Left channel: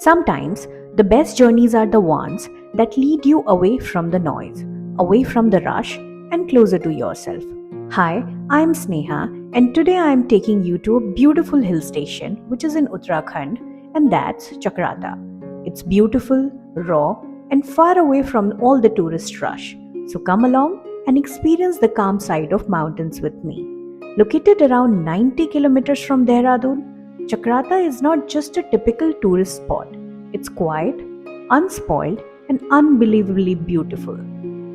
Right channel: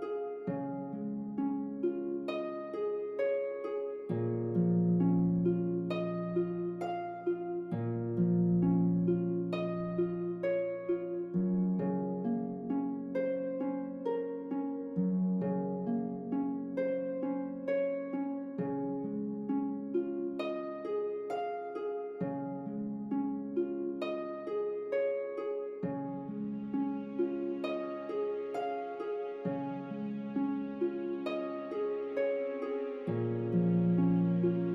Sometimes the best journeys are the ones that lead you away from the noise, away from the rush, and closer to yourself. Hi, I'm Sneha, and today I'm taking you to a beautiful hill station which is in Uttarakhand, and that's Chakrata. It's beautiful, raw, and far away from all the tourist rush. So come along and experience the calm side of mountains with me. Located around 90 kilometers from Dehradun, Chakrata is not just a typical tourist spot. It's quiet, unspoiled, and unbelievably beautiful.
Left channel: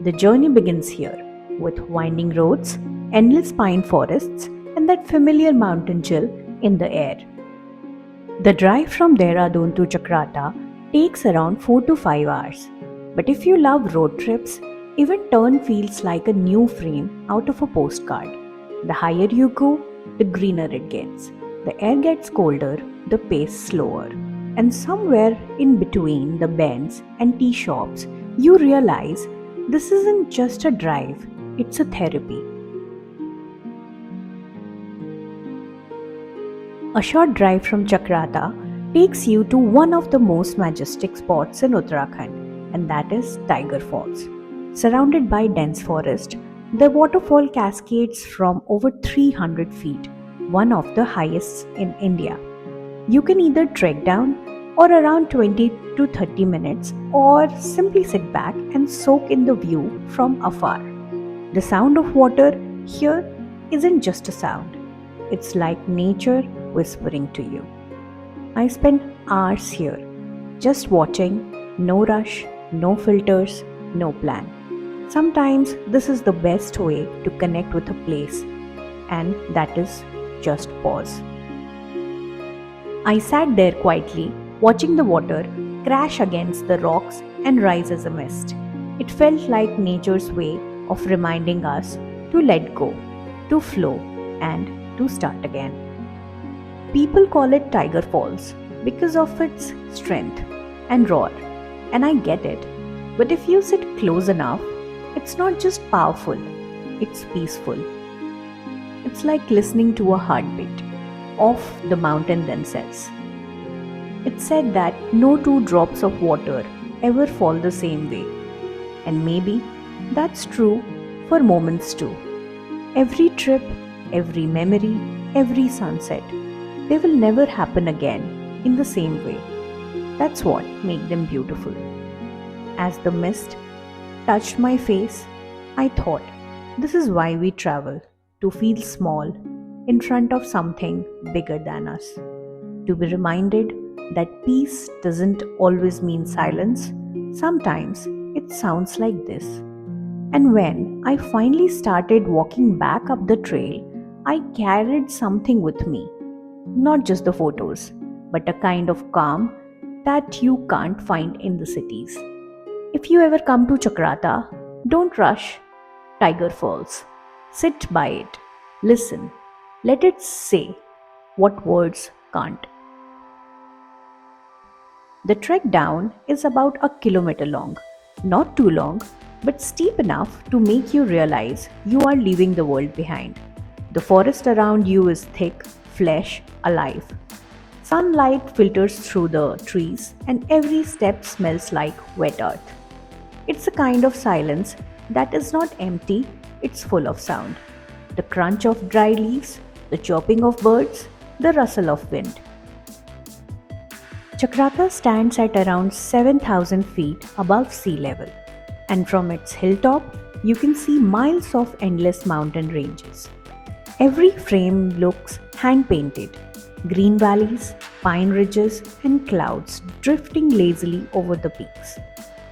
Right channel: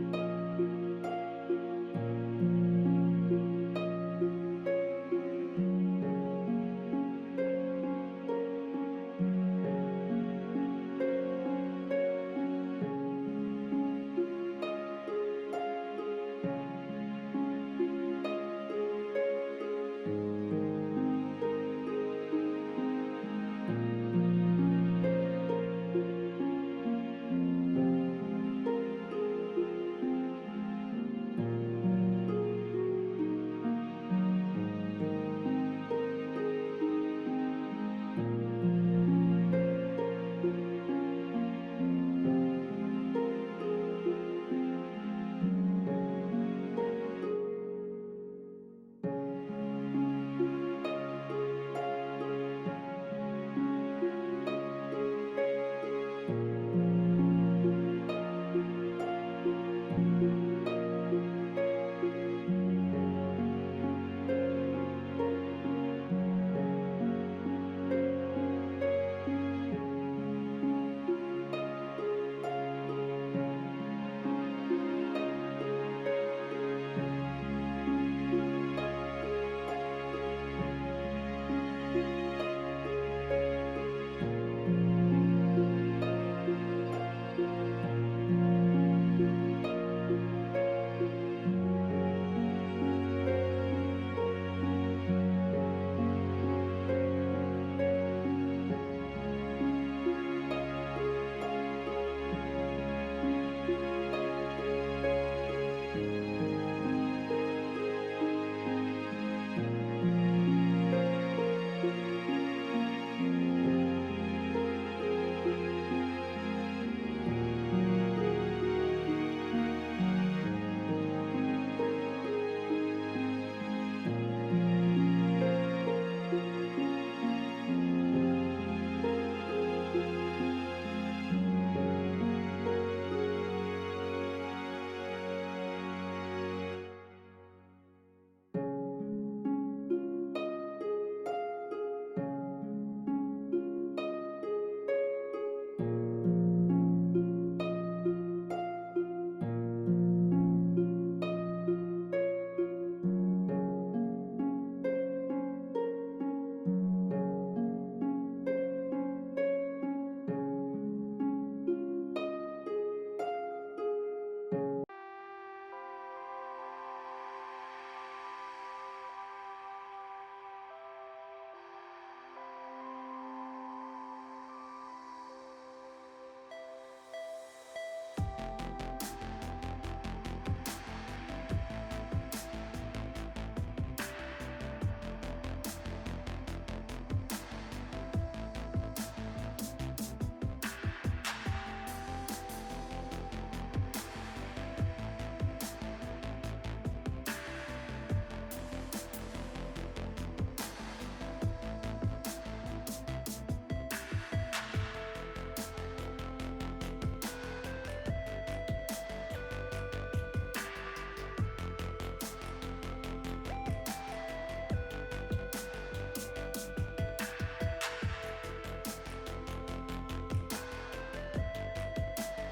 The journey begins here, with winding roads, endless pine forests, and that familiar mountain chill in the air. The drive from Dehradun to Chakrata takes around 4 to 5 hours. But if you love road trips, even turn feels like a new frame out of a postcard. The higher you go, the greener it gets. The air gets colder, the pace slower. And somewhere in between the bends and tea shops, you realize this isn't just a drive, it's a therapy. A short drive from Chakrata takes you to one of the most majestic spots in Uttarakhand, and that is Tiger Falls. Surrounded by dense forest, the waterfall cascades from over 300 feet, one of the highest in India. You can either trek down or around 20 to 30 minutes or simply sit back and soak in the view from afar. The sound of water here isn't just a sound, it's like nature whispering to you. I spent hours here, just watching, no rush, no filters, no plan. Sometimes this is the best way to connect with a place, and that is just pause. I sat there quietly, watching the water crash against the rocks and rise as a mist. It felt like nature's way of reminding us to let go, to flow, and to start again. People call it Tiger Falls because of its strength and roar, and I get it. But if you sit close enough, it's not just powerful, it's peaceful. It's like listening to a heartbeat of the mountain themselves. It's said that no two drops of water ever fall the same way, and maybe that's true for moments too. Every trip, every memory, every sunset, they will never happen again in the same way. That's what makes them beautiful. As the mist touched my face, I thought, this is why we travel, to feel small in front of something bigger than us. To be reminded that peace doesn't always mean silence, sometimes it sounds like this. And when I finally started walking back up the trail, I carried something with me. Not just the photos, but a kind of calm that you can't find in the cities. If you ever come to Chakrata, don't rush Tiger Falls. Sit by it, listen, let it say what words can't. The trek down is about a kilometer long, not too long, but steep enough to make you realize you are leaving the world behind. The forest around you is thick, flesh, alive. Sunlight filters through the trees, and every step smells like wet earth. It's a kind of silence that is not empty, it's full of sound. The crunch of dry leaves, the chirping of birds, the rustle of wind. Chakrata stands at around 7,000 feet above sea level, and from its hilltop, you can see miles of endless mountain ranges. Every frame looks hand painted, green valleys, pine ridges, and clouds drifting lazily over the peaks.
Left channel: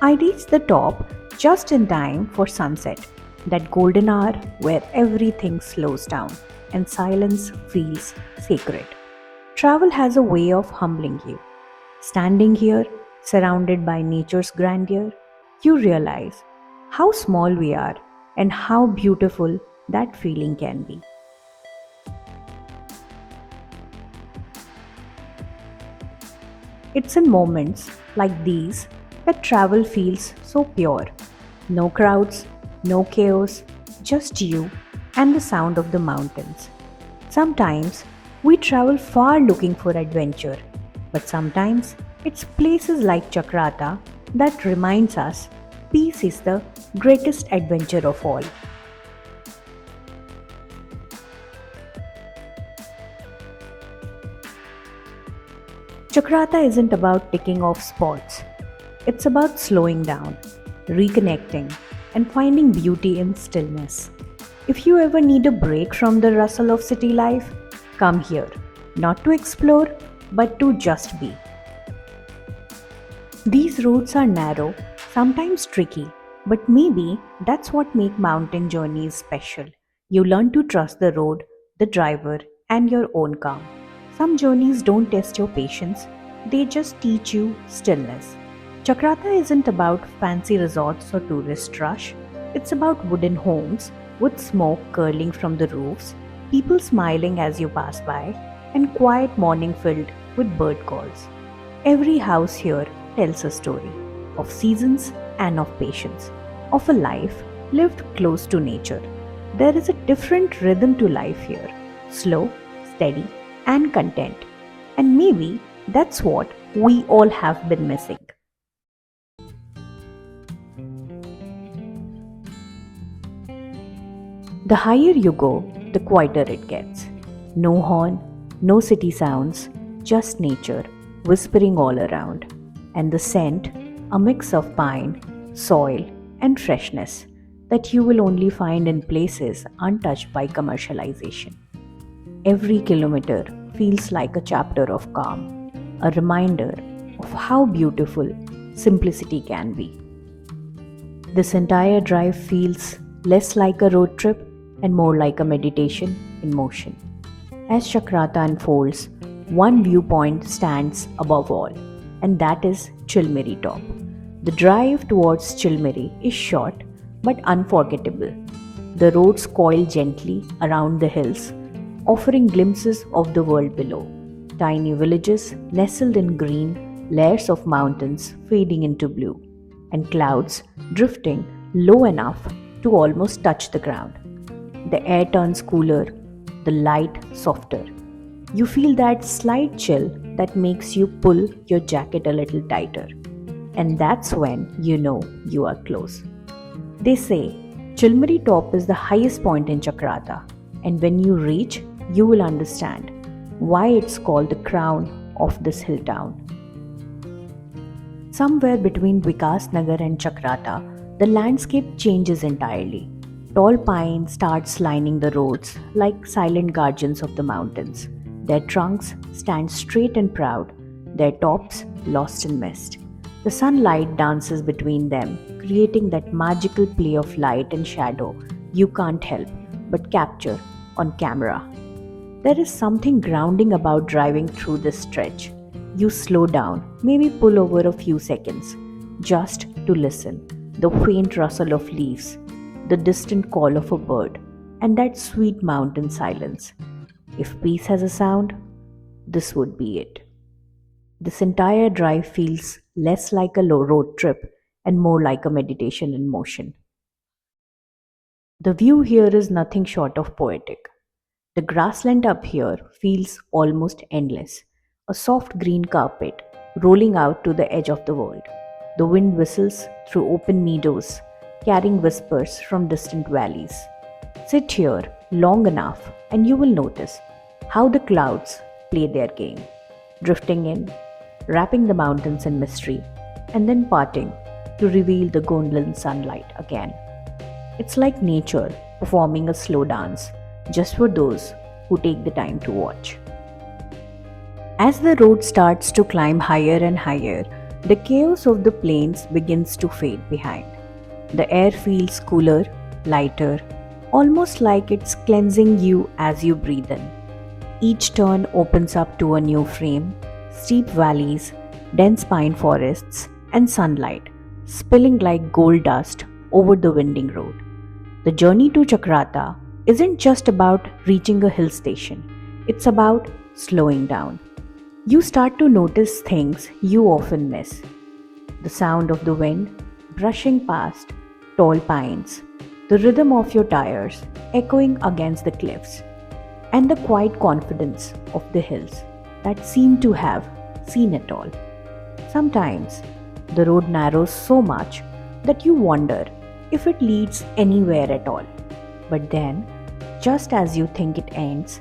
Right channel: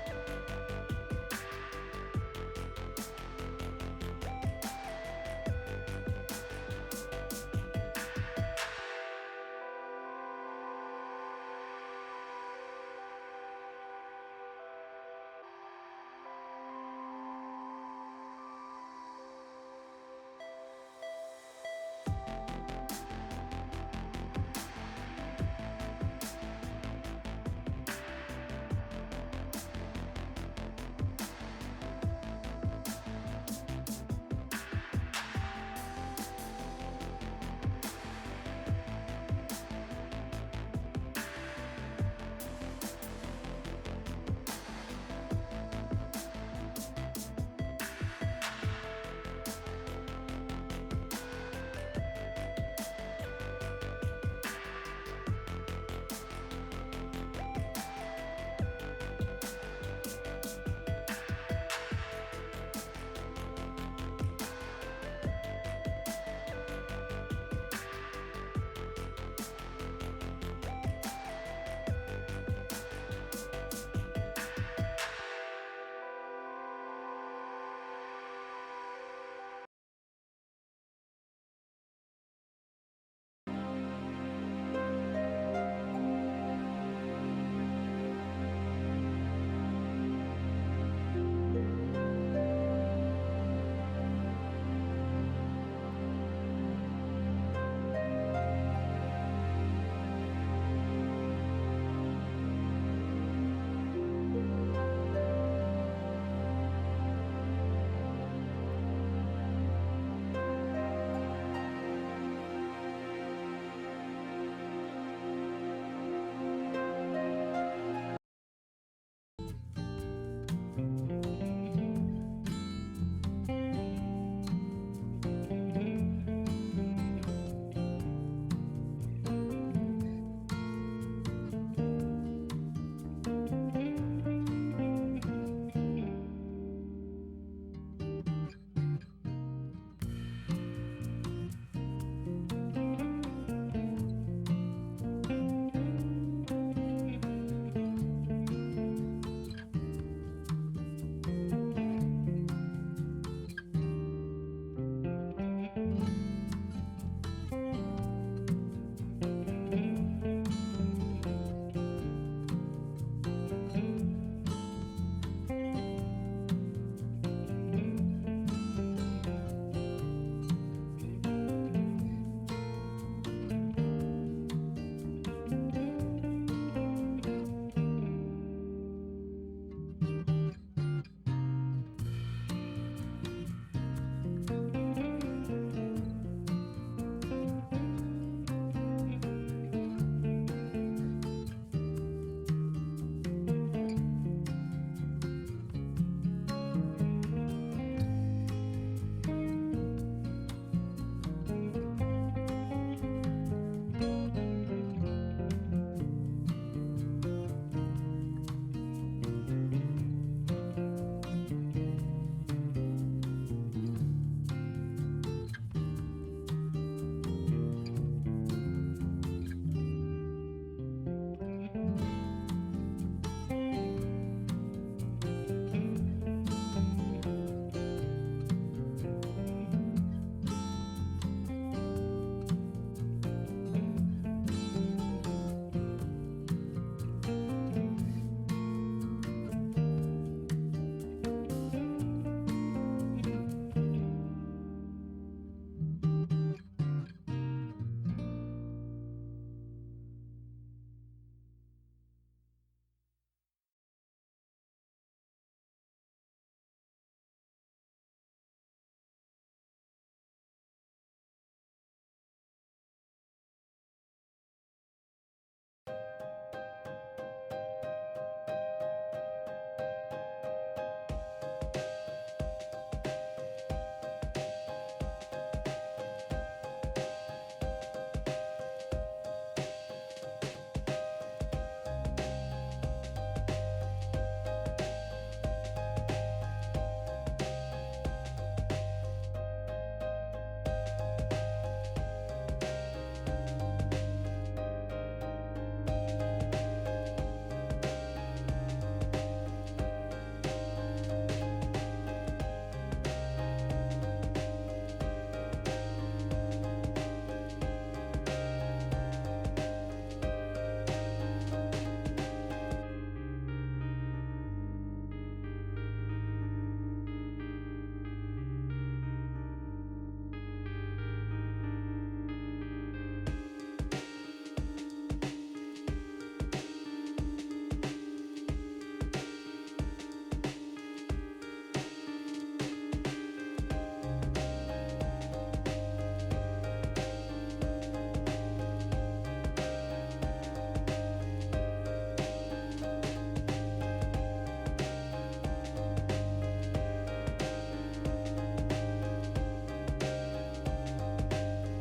I reached the top just in time for sunset, that golden hour where everything slows down and silence feels sacred. Travel has a way of humbling you. Standing here, surrounded by nature's grandeur, you realize how small we are and how beautiful that feeling can be. It's in moments like these that travel feels so pure. No crowds, no chaos, just you and the sound of the mountains. Sometimes we travel far looking for adventure, but sometimes It's places like Chakrata that reminds us peace is the greatest adventure of all. Chakrata isn't about ticking off spots. It's about slowing down, reconnecting, and finding beauty in stillness. If you ever need a break from the rustle of city life, come here, not to explore, but to just be. These roads are narrow, sometimes tricky, but maybe that's what makes mountain journeys special. You learn to trust the road, the driver, and your own calm. Some journeys don't test your patience, they just teach you stillness. Chakrata isn't about fancy resorts or tourist rush, it's about wooden homes with smoke curling from the roofs, people smiling as you pass by, and quiet morning filled with bird calls. Every house here tells a story of seasons and of patience, of a life lived close to nature. There is a different rhythm to life here, slow, steady, and content. And maybe that's what we all have been missing. The higher you go, the quieter it gets. No horn, no city sounds, just nature whispering all around. And the scent, a mix of pine, soil, and freshness that you will only find in places untouched by commercialization. Every kilometer feels like a chapter of calm, a reminder of how beautiful simplicity can be. This entire drive feels less like a road trip and more like a meditation in motion. As Chakrata unfolds, one viewpoint stands above all, and that is Chilmiri top. The drive towards Chilmiri is short but unforgettable. The roads coil gently around the hills, offering glimpses of the world below. Tiny villages nestled in green, layers of mountains fading into blue, and clouds drifting low enough to almost touch the ground. The air turns cooler, the light softer. You feel that slight chill that makes you pull your jacket a little tighter. And that's when you know you are close. They say Chilmiri top is the highest point in Chakrata, and when you reach, you will understand why it's called the crown of this hill town. Somewhere between Vikas Nagar and Chakrata, the landscape changes entirely. Tall pines starts lining the roads like silent guardians of the mountains. Their trunks stand straight and proud, their tops lost in mist. The sunlight dances between them, creating that magical play of light and shadow you can't help but capture on camera. There is something grounding about driving through this stretch. You slow down, maybe pull over a few seconds, just to listen. The faint rustle of leaves, the distant call of a bird, and that sweet mountain silence. If peace has a sound, this would be it. This entire drive feels less like a low road trip and more like a meditation in motion. The view here is nothing short of poetic. The grassland up here feels almost endless, a soft green carpet rolling out to the edge of the world. The wind whistles through open meadows, carrying whispers from distant valleys. Sit here long enough and you will notice how the clouds play their game, drifting in, wrapping the mountains in mystery, and then parting to reveal the golden sunlight again. It's like nature performing a slow dance just for those who take the time to watch. As the road starts to climb higher and higher, the chaos of the plains begins to fade behind. The air feels cooler, lighter, almost like it's cleansing you as you breathe in. Each turn opens up to a new frame, steep valleys, dense pine forests, and sunlight spilling like gold dust over the winding road. The journey to Chakrata isn't just about reaching a hill station, it's about slowing down. You start to notice things you often miss: the sound of the wind brushing past tall pines, the rhythm of your tires echoing against the cliffs, and the quiet confidence of the hills that seem to have seen it all. Sometimes the road narrows so much that you wonder if it leads anywhere at all. But then, just as you think it ends,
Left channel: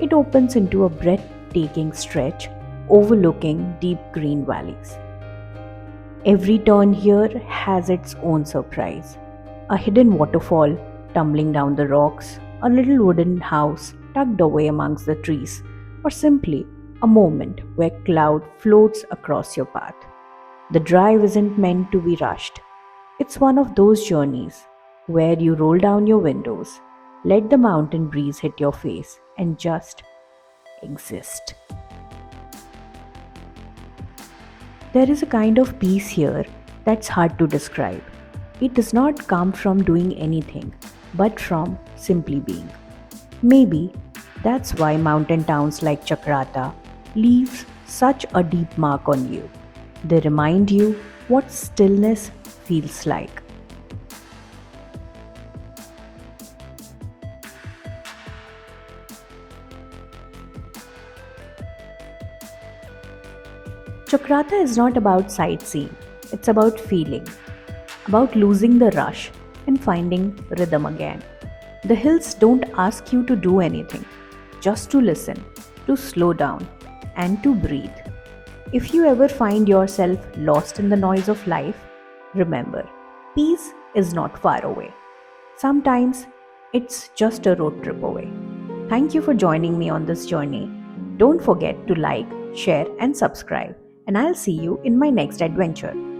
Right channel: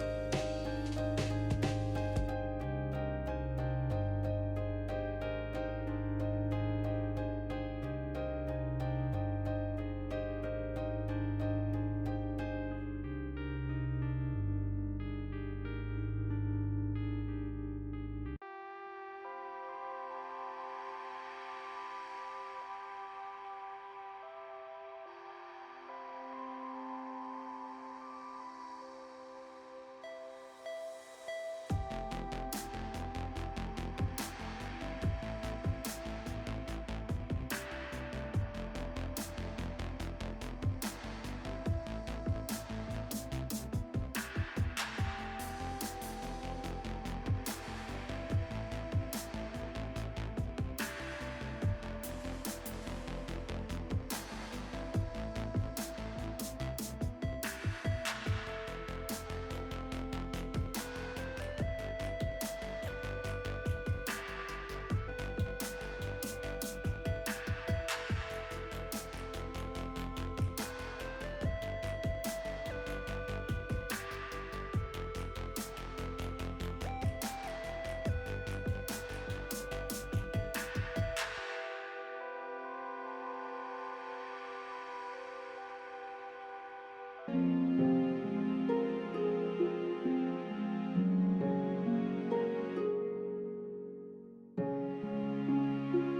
it opens into a breathtaking stretch overlooking deep green valleys. Every turn here has its own surprise. A hidden waterfall tumbling down the rocks, a little wooden house tucked away amongst the trees, or simply a moment where cloud floats across your path. The drive isn't meant to be rushed. It's one of those journeys where you roll down your windows, let the mountain breeze hit your face, and just exist. There is a kind of peace here that's hard to describe. It does not come from doing anything, but from simply being. Maybe that's why mountain towns like Chakrata leave such a deep mark on you. They remind you what stillness feels like. Chakrata is not about sightseeing, it's about feeling, about losing the rush and finding rhythm again. The hills don't ask you to do anything, just to listen, to slow down, and to breathe. If you ever find yourself lost in the noise of life, remember, peace is not far away. Sometimes it's just a road trip away. Thank you for joining me on this journey. Don't forget to like, share, and subscribe, and I'll see you in my next adventure.